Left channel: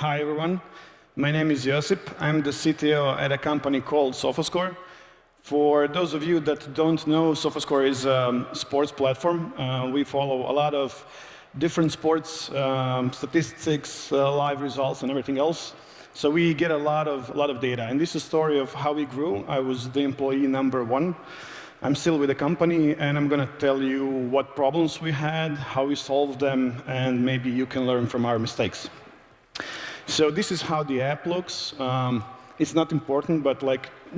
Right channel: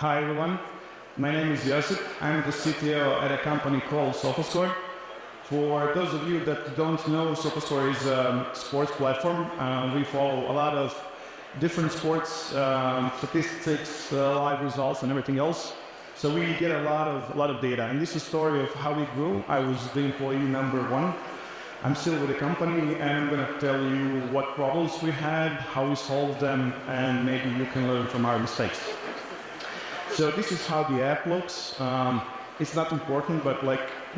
Hi everyone, my name is Josip. I'm the CTO at a company called Sofascore. For those of you that don't know, Sofascore is a sports platform. We follow a lot of different sports, statistics, live results, and everything else. So we get a lot of data. And this is a story of how we grew. I was the employee number 1. I'm still with the company, and I'm going to tell you what problems we had, how we solved them, and maybe you can learn from our mistakes. So this is how the app looks. It's not important, but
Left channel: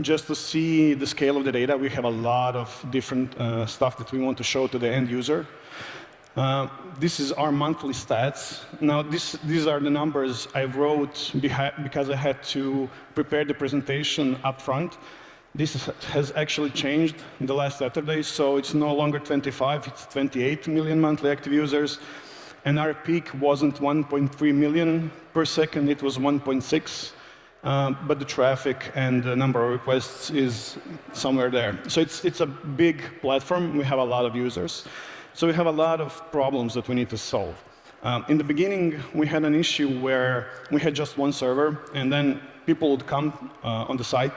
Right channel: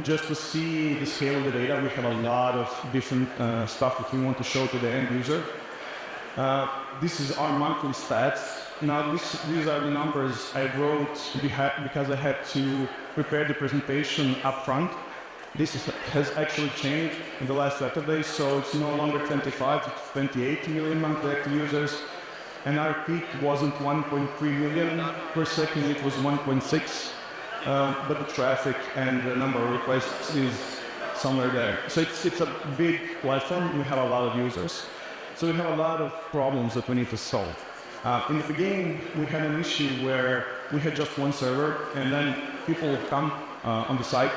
just to see the scale of the data, we have a lot of different stuff that we want to show to the end user. This is our monthly stats. Now, these are the numbers I wrote because I had to prepare the presentation up front. This has actually changed in the last Saturday, so it's no longer 25, it's 28 million monthly active users. And our peak wasn't 1.3 million per second, it was 1.6. But the traffic and the number of requests is somewhere there. So it's a big platform, we have a lot of users. So we have a lot of problems that we need to solve. In the beginning, we had an issue where we had just one server, and then people would come on the site.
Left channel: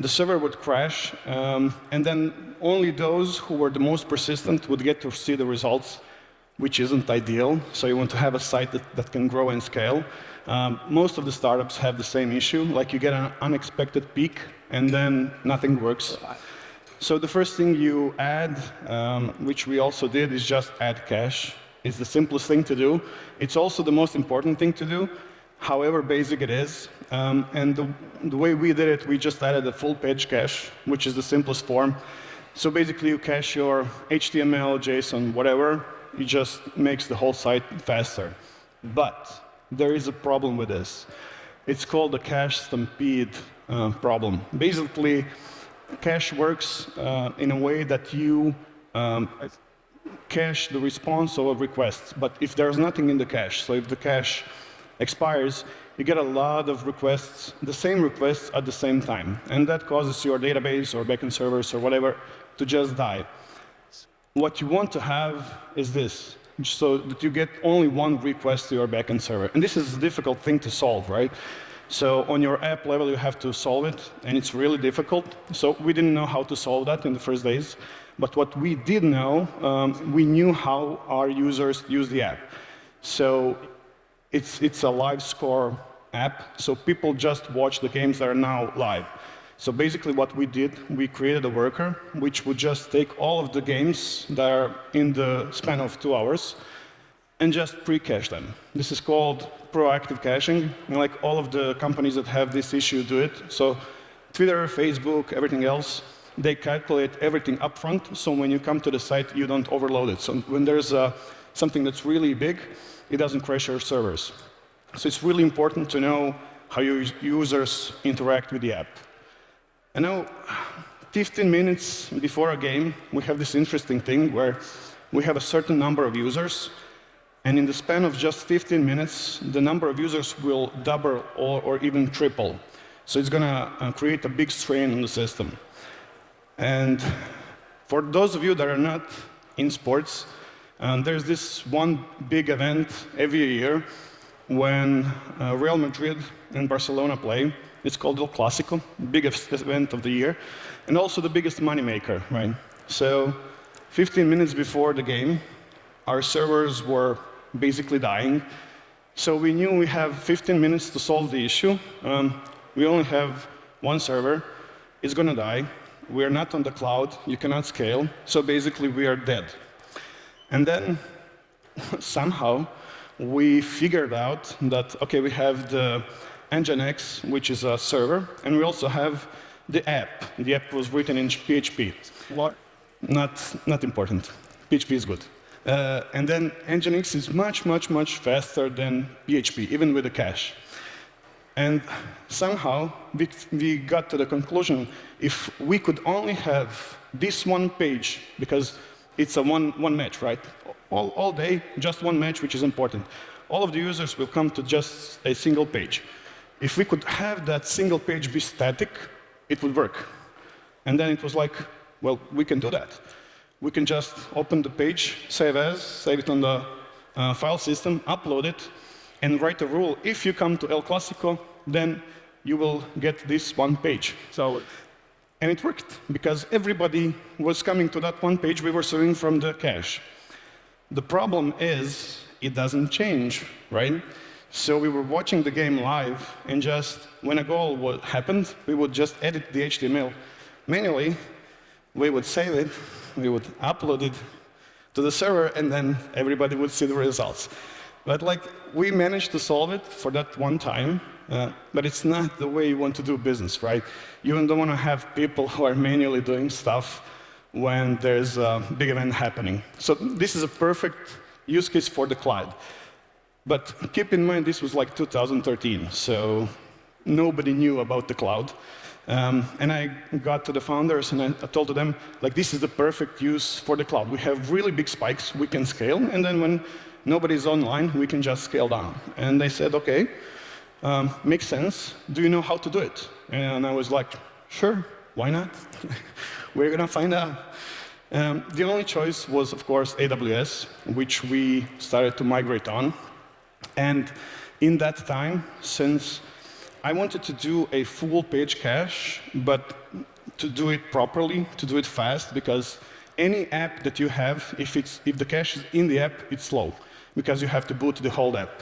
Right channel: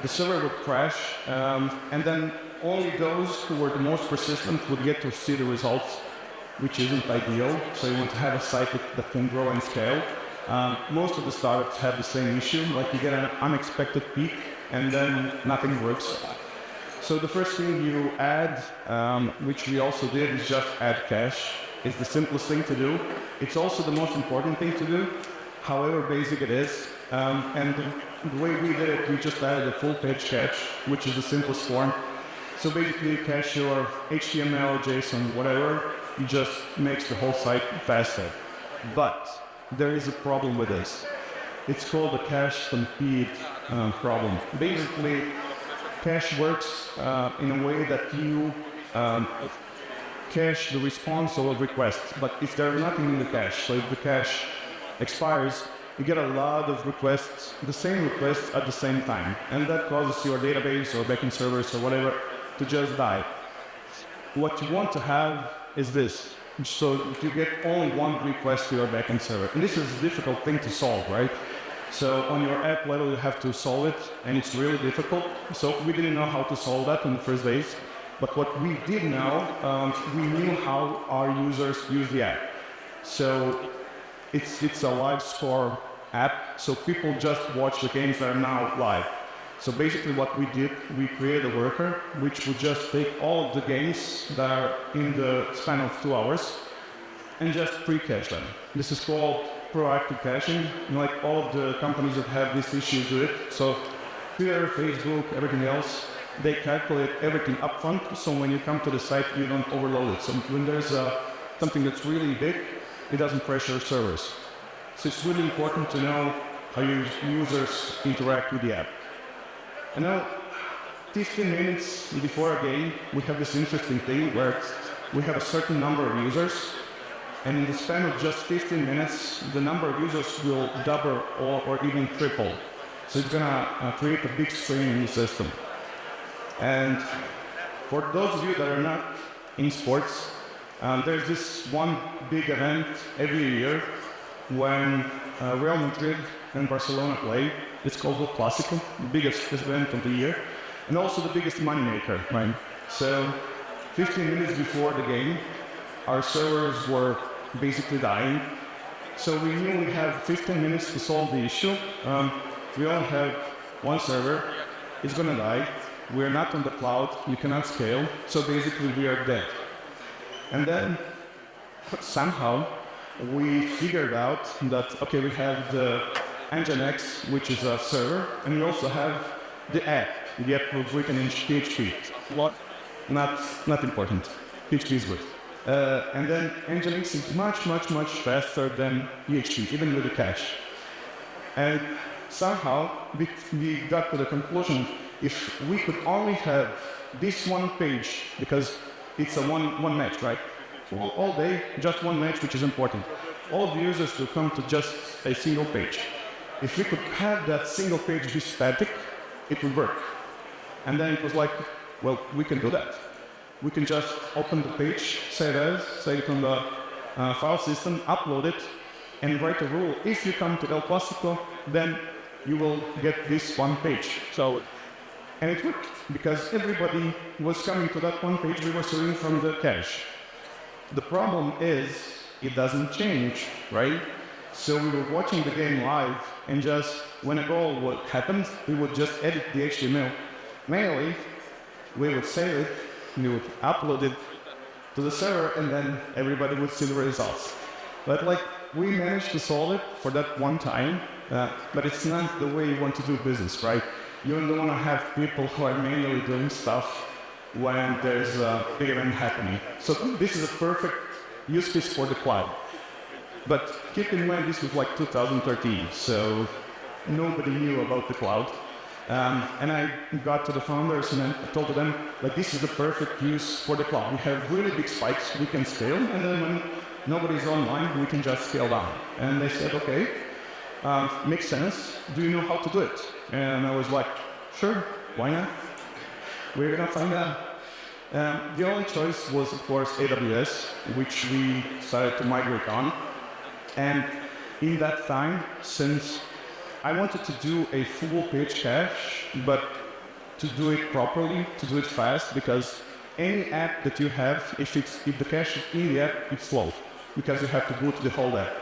The server would crash, and then only those who were the most persistent would get to see the results, which isn't ideal. So you want to have a site that can grow and scale. Most of the startups have the same issue, like you get an unexpected peak, and then nothing works. So the first thing you add, which we also did, is just add cache. It's the simplest thing to do. It's also the most important thing to do, however basic it is. And the way we did it, we just added a full page cache, which is the simplest form. So basically, you cache your HTML, JSON, whatever. It just makes the whole site faster. But there is a problem with this. It's called the cache stampede problem. Basically, cache works in a way that you cache the response of a request. But if there's nothing in the cache, so if the cache expires, you get a lot of requests, the same requests at the same time. And that causes your database or backend servers or whatever to just die. What you want to have is this, so that you get only one request to your backend server. And this is a difficult thing to solve, right? So on your app level, you have to solve it, and it's really difficult. So we didn't know how to solve that in the first days. But what we did know, we knew how our users use the app. So it's a live score app, so people just watch the games that are now live. So basically what we did, we created a worker which would just take all of the games that are in the span of 2 hours and just pre-cache them. This is called proactive caching, and like all of the companies that have this issue do it. So Twitter, Facebook, everything else, they calculate everything up front, so when you come to the site, you don't overload it. So when there's something that's really big, it doesn't crash your servers. So it's really important to know how your users interact with the app. And now, 15 minutes before a game, we have this interesting thing where we have a certain number of users, and in the span of just 15 minutes, the number of users will double or even triple. So it's going to create a big strain in the system. And for those of you that are not in sports, there's this one big event every year when Real Madrid and Barcelona play. It's called the Clásico, the biggest event of the year, and also the biggest moneymaker, right? So 15 minutes before the game, our servers were basically dying. So we knew we have 15 minutes to solve the issue. We only have one server. It's going to die. We're not on the cloud. You cannot scale. So basically, we are dead. And then somehow we figured out that, okay, we have the Nginx, which is a server, and we also have the app. The app was written in PHP. What? Not important. PHP is good. And then Nginx is much faster than PHP, even with the cache. And somehow we got to the conclusion, if we could only have this one page, because it's a one match, right? All day, just one match, which is important. All of the users will come to just a single page. If we could have that single page be static, it would work. And then it was like, well, we can do that. We can just open the page, save as, save it on the file system, upload it, and write a rule. If you come to El Clásico, then you will get this one page. And it worked, because everybody was coming to that one page we were serving from the cache. The problem is, it doesn't change, right? So we were watching the game live, and just when a goal happened, we would just edit the HTML manually, we would save it, we would upload it to the server, and then everybody would see the results. But we managed to solve it for that one time, but it's not the way you want to do business, right? You don't want to have people who are manually doing stuff when there's a big event happening. So this is a perfect use case for the cloud. But keep in mind, this was 2013, so nobody knew about the cloud. And I got to the founders and I told them, this is the perfect use for the cloud. We have really big spikes, we can scale, and then when nobody's online, we can just scale down. And they said, okay, makes sense. Do you know how to do it? And I was like, sure, why not? We're gonna find out. The only choice was, of course, AWS, which we started to migrate on. And in that time, since I wanted to do a full page cache, but to do it properly, to do it fast, because any app that you have, if the cache is in the app, it's slow, because you have to boot the whole app.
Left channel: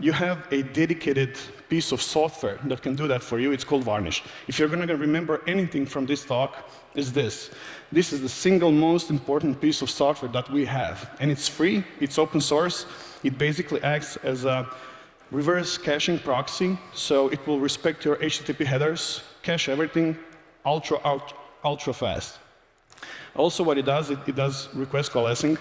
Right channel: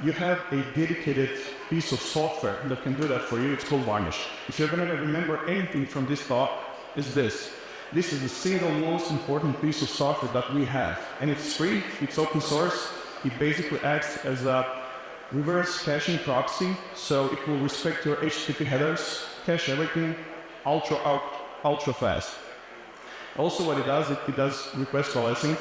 You have a dedicated piece of software that can do that for you. It's called Varnish. If you're going to remember anything from this talk, it's this. This is the single most important piece of software that we have. And it's free, it's open source. It basically acts as a reverse caching proxy, so it will respect your HTTP headers, cache everything, ultra fast. Also what it does request coalescing.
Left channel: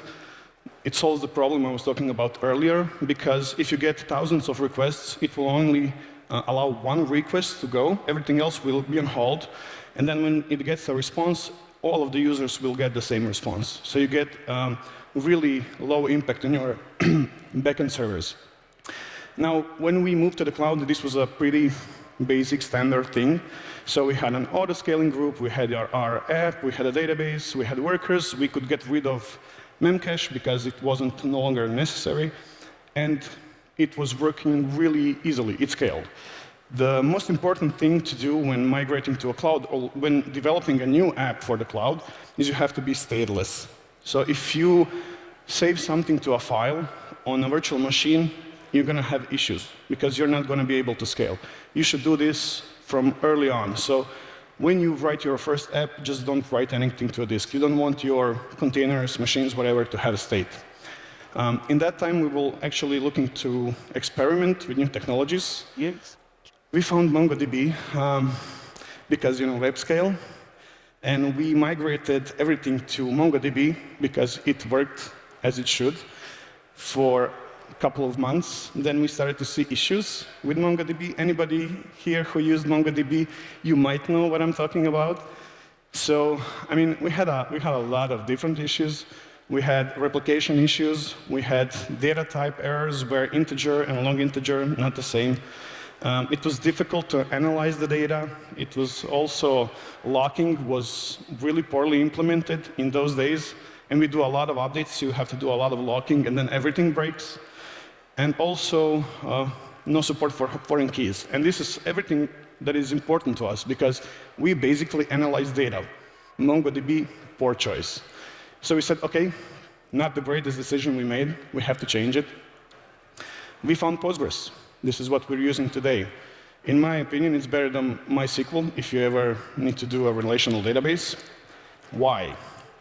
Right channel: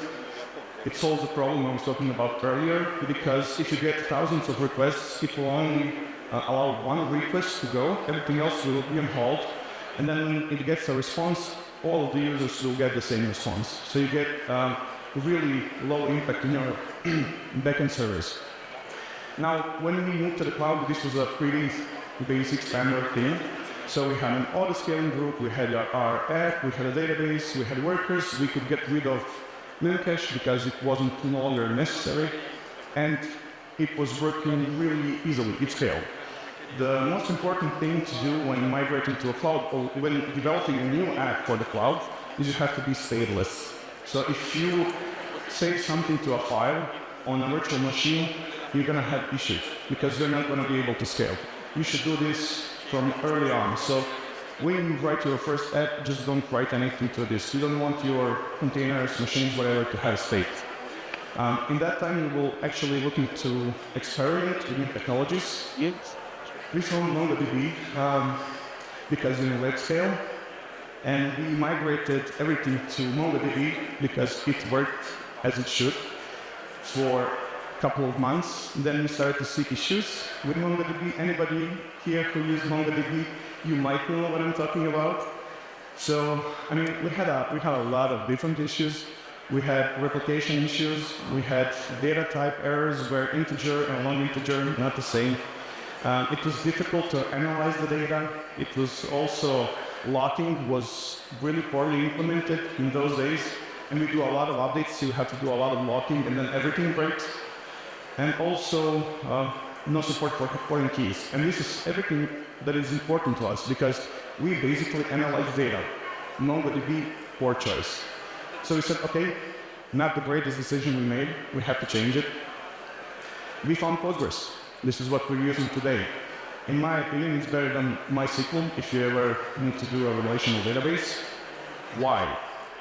It solves the problem I was talking about earlier, because if you get thousands of requests, it will only allow one request to go, everything else will be on hold, and then when it gets a response, all of the users will get the same response. So you get really low impact in your backend service. Now, when we moved to the cloud, this was a pretty basic standard thing. So we had an auto-scaling group, we had our app, we had a database, we had workers, we could get rid of memcache because it wasn't no longer necessary, and it was working really easily, it scaled. The most important thing to do when migrating to a cloud or when developing a new app for the cloud is you have to be stateless. So if you save something to a file on a virtual machine, you're going to have issues because you're not going to be able to scale. You should do this from early on. So when you write your first app, just don't write anything to a disk. You don't want your containers, machines, whatever, to have state. In that time, we were actually looking to experiment with new technologies. Yes. We found MongoDB because web scale, and we migrated everything to MongoDB because it worked as it should for a couple of months. Then we started to see issues with MongoDB. Anybody here who used MongoDB, you might know what I'm talking about. So, I mean, we had a lot of different issues. We had replication issues. We had data type errors where integer and long integer are not the same. It was difficult to analyze the data. It was also, locking was really poorly implemented in those days. And we do a lot of updates, so you have to do a lot of locking, and then everything breaks. And also, no support for foreign keys. And this is everything that is important to us, because we basically analyze data. MongoDB, poor choice. So we said, okay, not the greatest decision we made. We have to change it. We found Postgres. This is what we're using today. In my opinion, it's better than MySQL if you ever need to do a relational database. Why?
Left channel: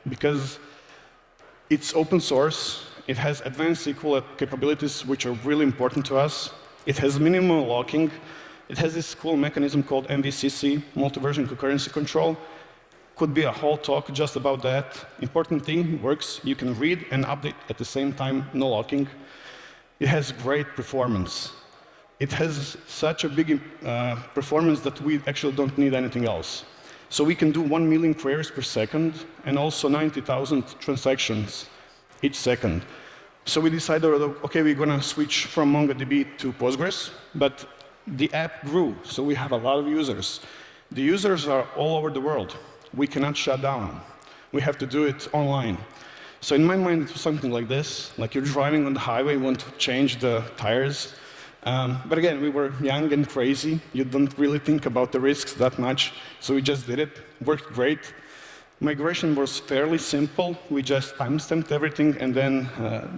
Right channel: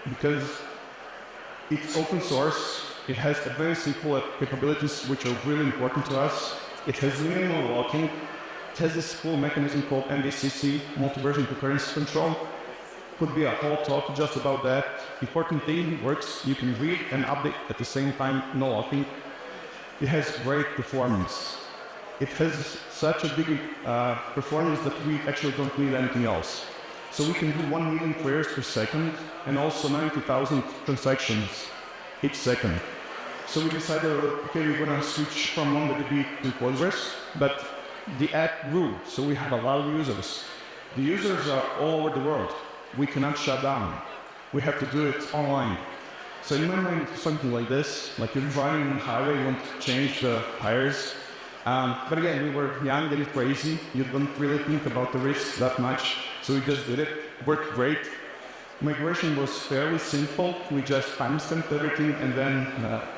Because it's open source. It has advanced SQL capabilities, which are really important to us. It has minimal locking. It has this cool mechanism called MVCC, multi-version concurrency control. Could be a whole talk just about that. Important thing, works. You can read and update at the same time, no locking. It has great performance. It has such a big performance that we actually don't need anything else. So we can do 1 million queries per second and also 90,000 transactions each second. So we decided, okay, we're going to switch from MongoDB to Postgres, but the app grew, so we have a lot of users. The users are all over the world. We cannot shut down. We have to do it online. So in my mind, it was something like this, like you're driving on the highway, you want to change the tires. But again, we were young and crazy. You don't really think about the risks that much. So we just did it. Worked great. Migration was fairly simple. We just timestamped everything and then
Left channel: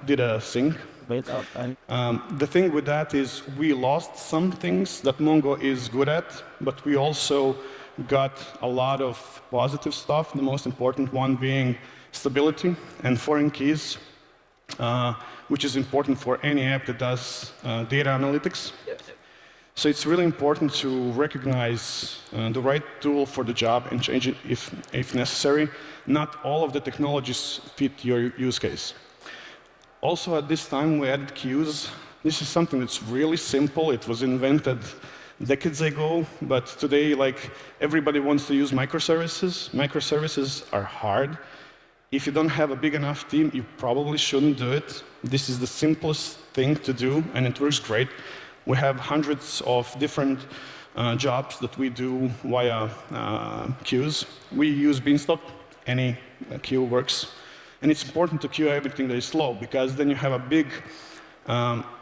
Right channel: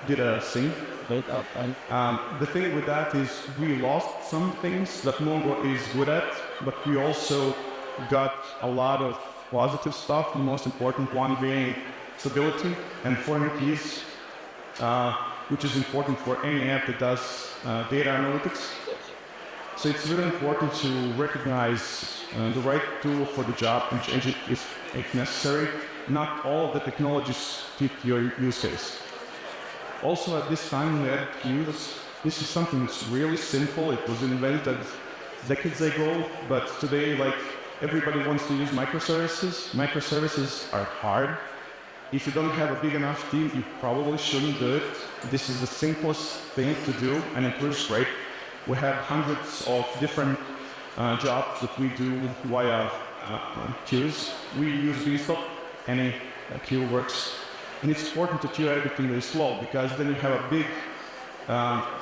did a sync. The thing with that is we lost some things that Mongo is good at, but we also got a lot of positive stuff, the most important one being stability and foreign keys, which is important for any app that does data analytics. So it's really important to recognize the right tool for the job and change it if necessary. Not all of the technologies fit your use case. Also, at this time, we added queues. This is something that's really simple. It was invented decades ago, but today, like, everybody wants to use microservices. Microservices are hard. If you don't have a big enough team, you probably shouldn't do it. This is the simplest thing to do, and it works great. We have hundreds of different jobs that we do via queues. We use Beanstalk. Any queue works. And it's important to queue everything that is slow, because then you have a big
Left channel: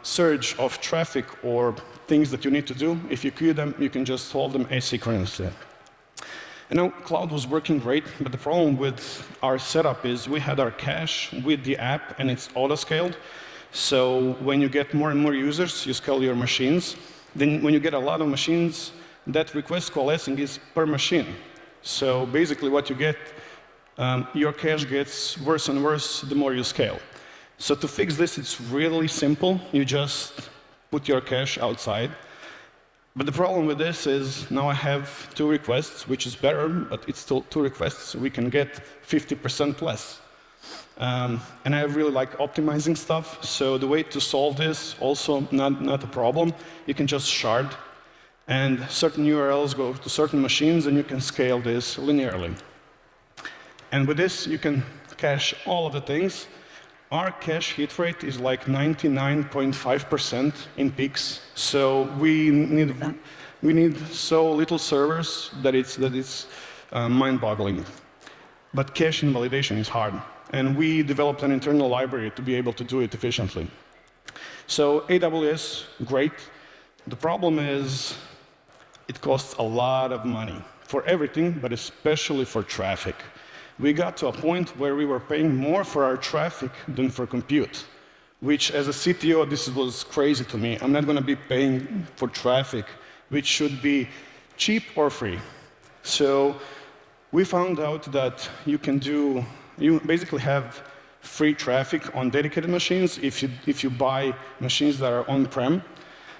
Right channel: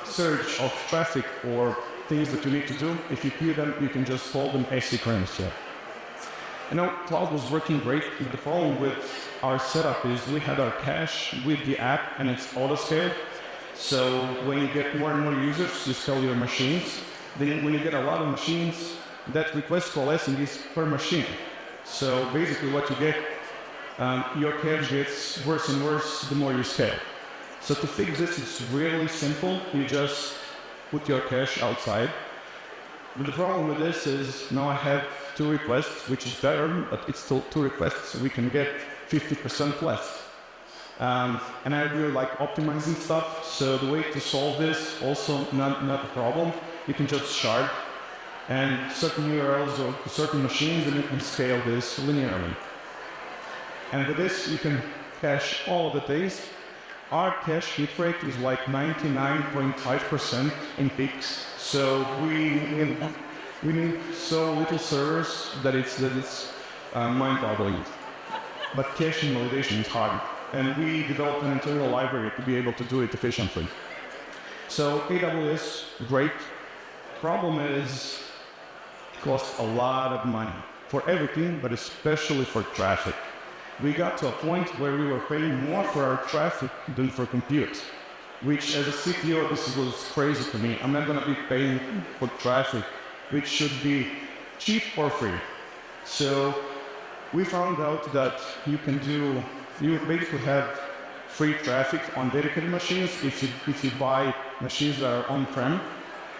surge of traffic or things that you need to do. If you queue them, you can just solve them asynchronously. You know, cloud was working great, but the problem with our setup is we had our cache with the app, and it's auto-scaled. So when you get more and more users, you scale your machines. Then when you get a lot of machines, that request coalescing is per machine. So basically what you get, your cache gets worse and worse the more you scale. So to fix this, it's really simple. You just put your cache outside. But the problem with this is now I have 2 requests, which is better, but it's still 2 requests, so we can get 50% less. And I really like optimizing stuff, so the way to solve this, also not a problem. You can just shard, and certain URLs go to certain machines, and you can scale this linearly. And with this, you can cache all of the things. Our cache hit rate is like 99.5% in peaks, so we need so little servers that it's mind-boggling. But caching validation is hard, and we developed an internal library to be able to do it efficiently. So AWS, great. The problem is it costs a lot of money for everything, but especially for traffic. We got to a point where we were paying more for our traffic than for compute, which as a CTO, this was crazy to me. I'm not going to be paying for traffic, which should be cheap or free. So we found out that you basically have free traffic on dedicated machines if you buy machines that are on-prem.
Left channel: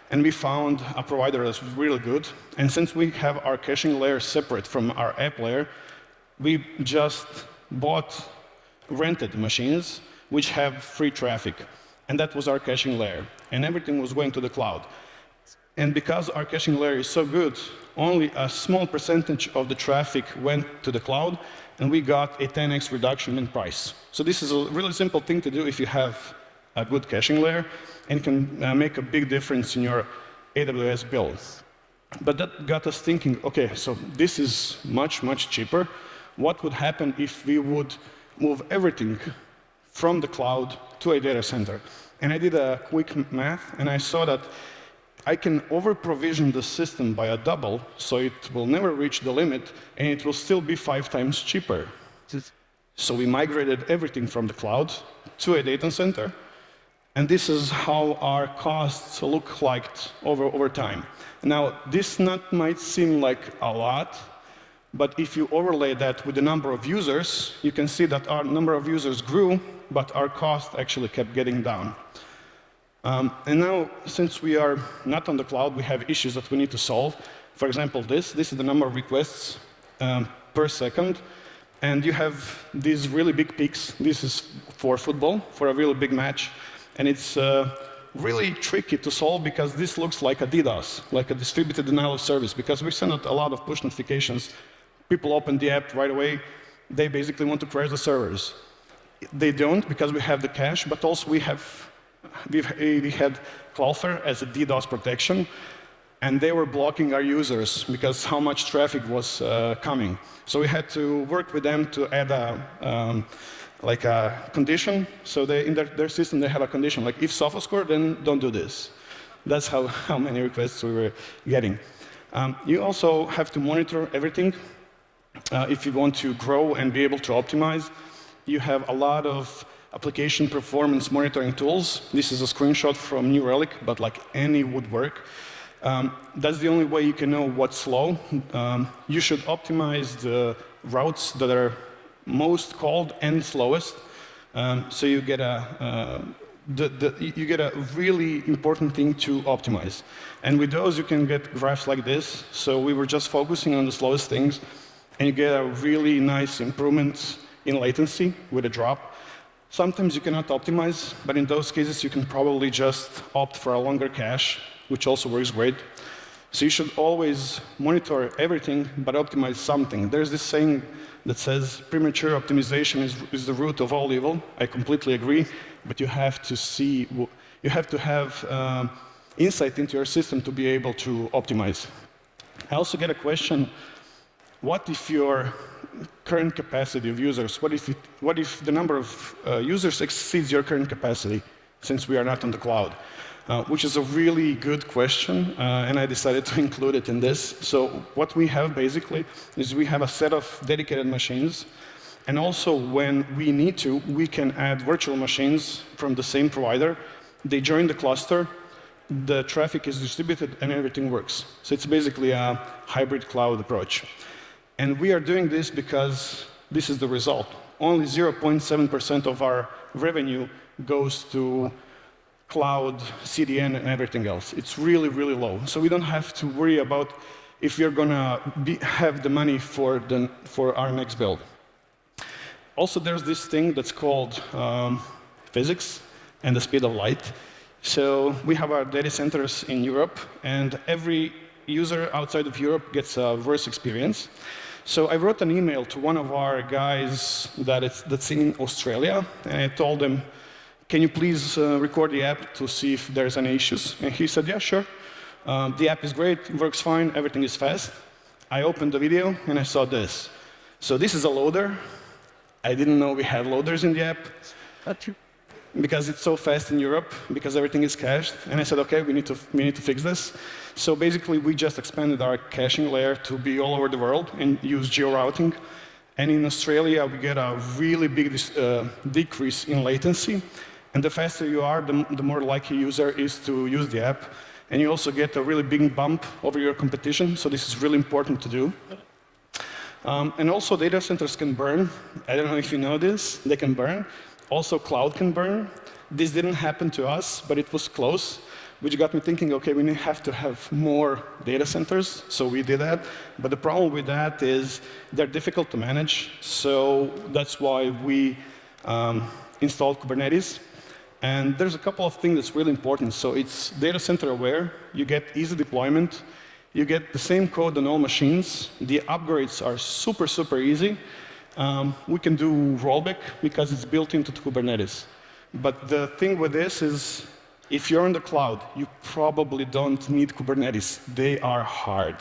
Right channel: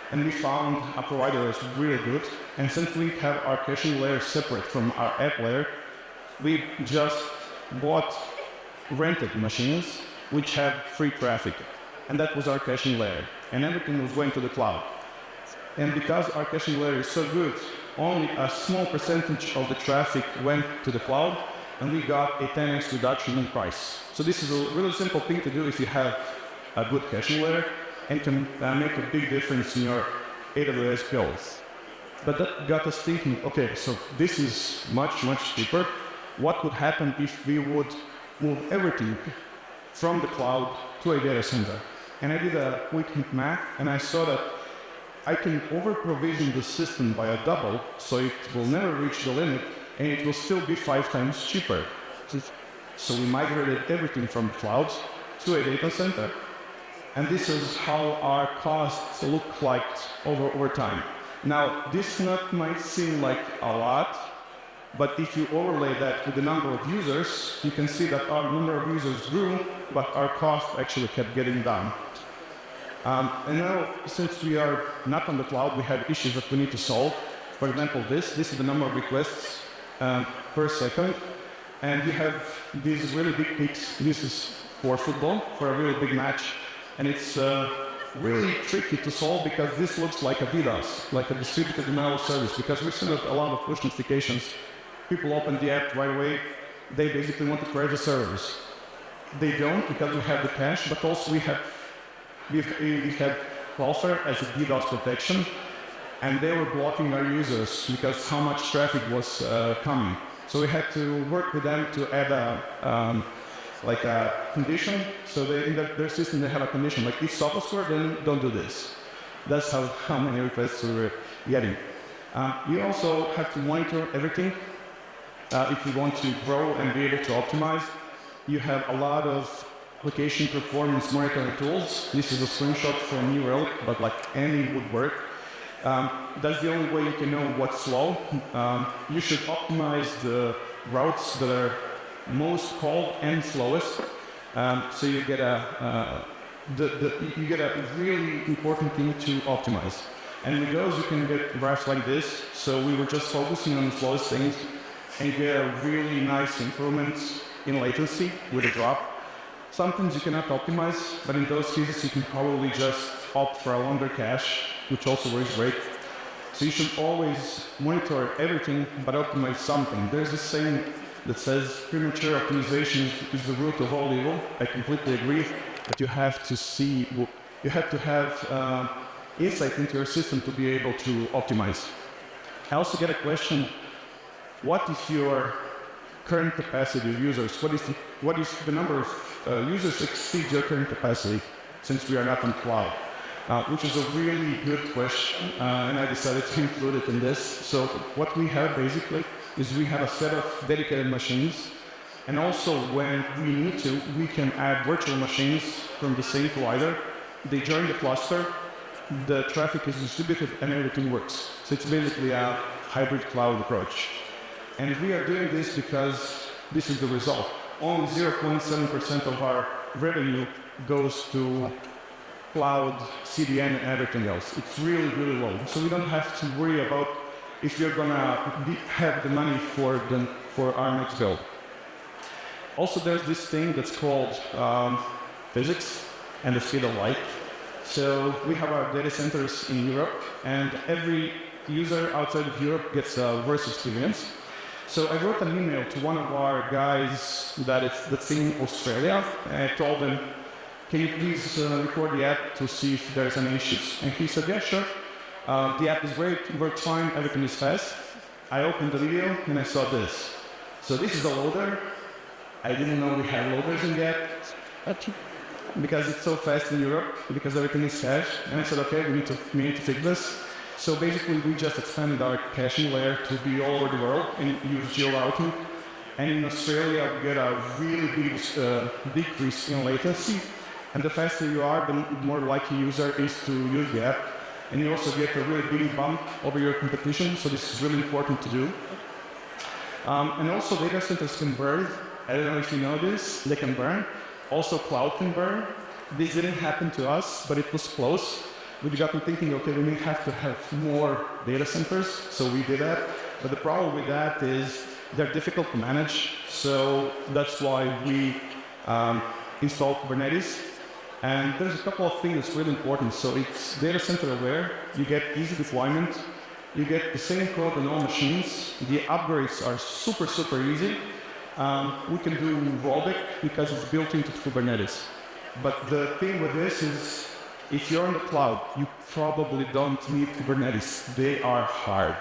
And we found a provider that's really good. And since we have our caching layer separate from our app layer, we just bought rented machines which have free traffic. And that was our caching layer. And everything was going to the cloud. And because our caching layer is so good, only a small percentage of the traffic went to the cloud, and we got a 10x reduction in price. So this is a really simple thing to do if you have a good caching layer, and can make a big difference in your AWS bills. But that got us thinking, okay, so this is much, much cheaper. What would happen if we would move everything from the cloud to a data center? And I did a quick math, and I saw that I can over-provision the system by a double, so it will never reach the limit, and it will still be 5 times cheaper. So we migrated everything from the cloud to a data center, and this is how our costs look like over time. Now, this might seem like a lot, but if you overlay that with the number of users, you can see that our number of users grew, but our cost actually kept getting down. And now, since we are not on the cloud, we have issues that we need to solve. For example, this is the number of requests per second, and you have these really big peaks. This is for football, for a really big match, and it's really tricky to solve because this looks like a DDoS, like a distributed denial of service, because we send out a lot of push notifications. People open the app right away. They basically want to crash the servers. They don't, because we have the cache, but also we had Cloudflare as a DDoS protection, and they were blocking our users because how much traffic was coming. So we had to work with them to add like a condition. So in their system, they have a condition, like if Sofascore, then don't do this. That's how many requests we were getting. You also have to monitor everything. If you want to grow and be able to optimize, you have a lot of application performance monitoring tools. This is a screenshot from New Relic, but like any would work. That's the only way you can know what's slow. You should optimize the routes that are most called and slowest. So you get a really important thing to optimize. And with those, you can get graphs like this. So we were just focusing on the slowest things, and you get a really nice improvement in latency with a drop. Sometimes you cannot optimize, but in those cases, you can probably just opt for a longer cache, which also works great. So you should always monitor everything, but optimize something. There's this saying that says premature optimization is the root of all evil. I completely agree, but you have to have insight into your system to be able to optimize. I also get a question, what if your current capacity of users, what if the number of users exceeds your current capacity, since we are not on the cloud? Which is a really good question, and I decided to include it in this. So what we have basically is we have a set of dedicated machines, and also when we need to, we can add virtual machines from the same provider. They join the cluster, the traffic is distributed, and everything works. So it's basically a hybrid cloud approach. And we are doing this because this is the result. Only 0.7% of our revenue goes to cloud, CDN, and everything else. It's really, really low. So we don't have to worry about if we're going to have the money for our next build. Also, there's this thing that's called physics and the speed of light. So we have our data centers in Europe, and every user outside of Europe gets a worse experience. So I wrote an email to one of our guys that's in Australia, and I told them, can you please record the app to see if there's any issues? And he said, yeah, sure. The app is great, works fine, everything is fast. I opened the video and I saw this. So this is a loader. I didn't know we had loaders in the app because it's so fast in Europe, because everything is cached. And I said, okay, we need to fix this. So basically, we just expanded our caching layer to be all over the world and use geo-routing. And in Australia, we get a really big decrease in latency. And the faster you are, the more likely user is to use the app. And you also get a really big bump over your competition. So this is really important to do. And also, data centers can burn. I don't know if you know this. They can burn. Also, cloud can burn. This didn't happen to us, but it was close, which got me thinking, okay, we may have to have more data centers, so we did that. But the problem with that is they're difficult to manage, so that's why we installed Kubernetes. And there's a couple of things that's really important. So it's data center aware, you get easy deployment, you get the same code on all machines, the upgrades are super, super easy. We can do rollback because it's built into Kubernetes. But the thing with this is, if you're in the cloud, you probably don't need Kubernetes. They are hard.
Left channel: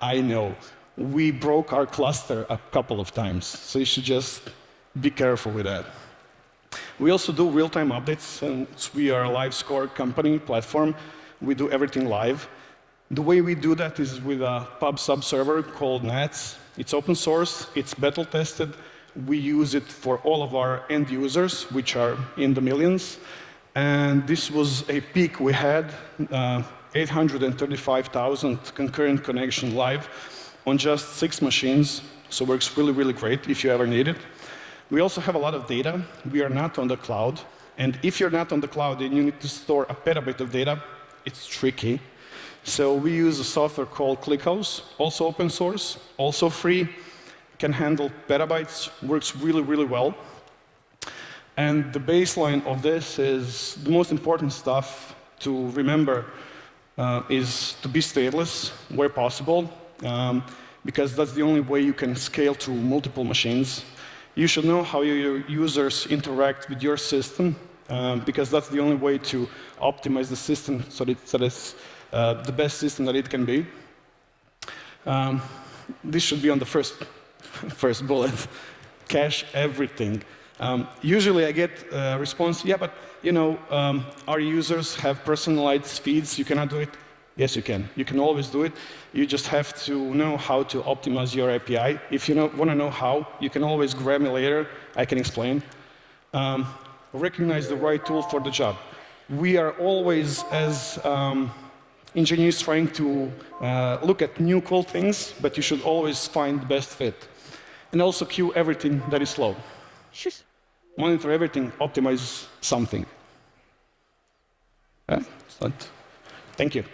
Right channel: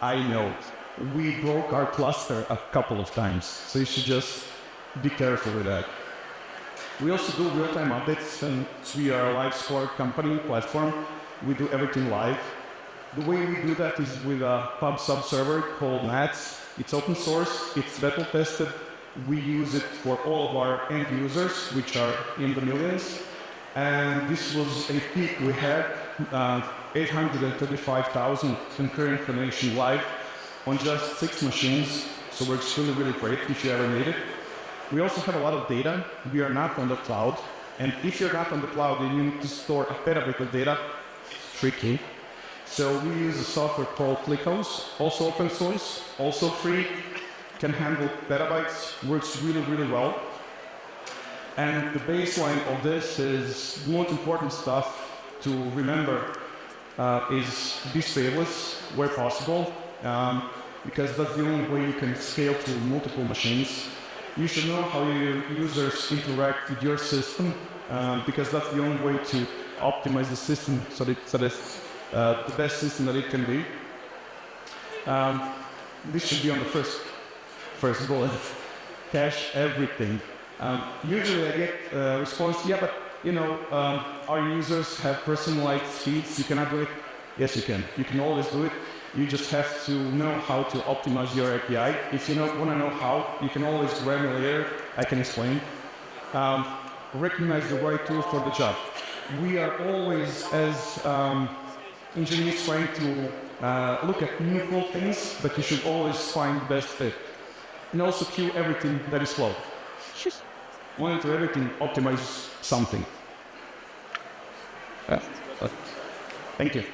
I know. We broke our cluster a couple of times, so you should just be careful with that. We also do real-time updates, and we are a live score company platform. We do everything live. The way we do that is with a pub sub server called Nats. It's open source, it's beta tested. We use it for all of our end users, which are in the millions. And this was a peak we had, 835,000 concurrent connection live on just 6 machines. So it works really, really great if you ever need it. We also have a lot of data. We are not on the cloud. And if you're not on the cloud and you need to store a petabyte of data, it's tricky. So we use a software called ClickHouse, also open source, also free, can handle petabytes, works really, really well. And the baseline of this is the most important stuff to remember is to be stateless where possible, because that's the only way you can scale to multiple machines. You should know how your users interact with your system, because that's the only way to optimize the system so that it's the best system that it can be. This should be on the first bullet. Cache everything. Usually I get a response, yeah, but our users have personalized feeds, you cannot do it. Yes, you can. You can always do it. You just have to know how to optimize your API. If you want to know how, you can always grab me later. I can explain. Recognize the right tool for the job. We are always, as engineers, trying to look at new cool things, but you should always find the best fit. And also queue everything that is slow. Monitor everything, optimize something. Thank you.